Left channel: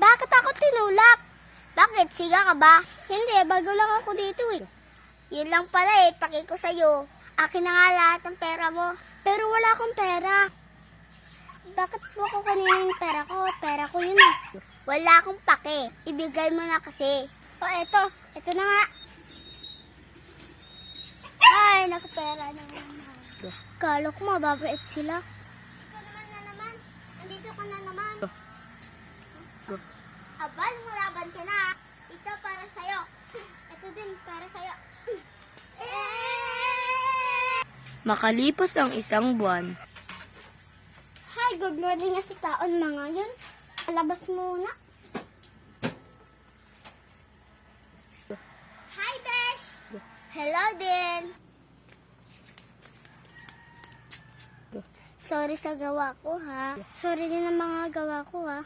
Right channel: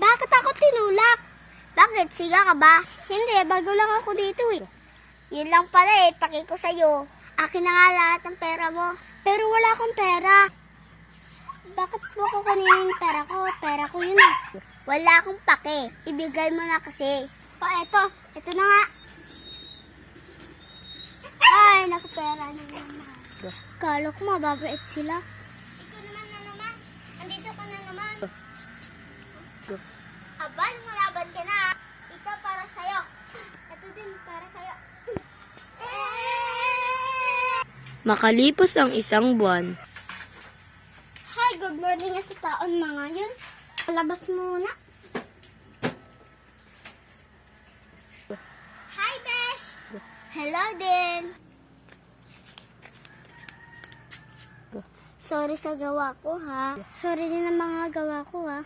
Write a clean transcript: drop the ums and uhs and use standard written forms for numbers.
Bakit ako tinulak? Bakit? Siga ka ba? Hindi, bago lang ako dito eh. Yun lang pala eh, paki ko sa'yo. Akin na nga lahat ng pera mo. Pero wala akong pera. Bakit mo ko kanina yung pera ko? Pera ko yun eh. Wala akong pake. Ibigay mo na kasi. O eto, eto na nga. Ay, nakapera na naman. Kala ko mababait sila. Ikaw naman na naman. Nandito ka na naman. Abal, mulaban ka na. Ito para sa'yo. Ito din para sa'yo. Makalipas ang isang buwan. Hi, good morning sa taon na ngayon. Labas muna. Hi, Besh! Hello din. Sorry sa gawa ko, ha? Sorry din ang mga gawa ko, ha?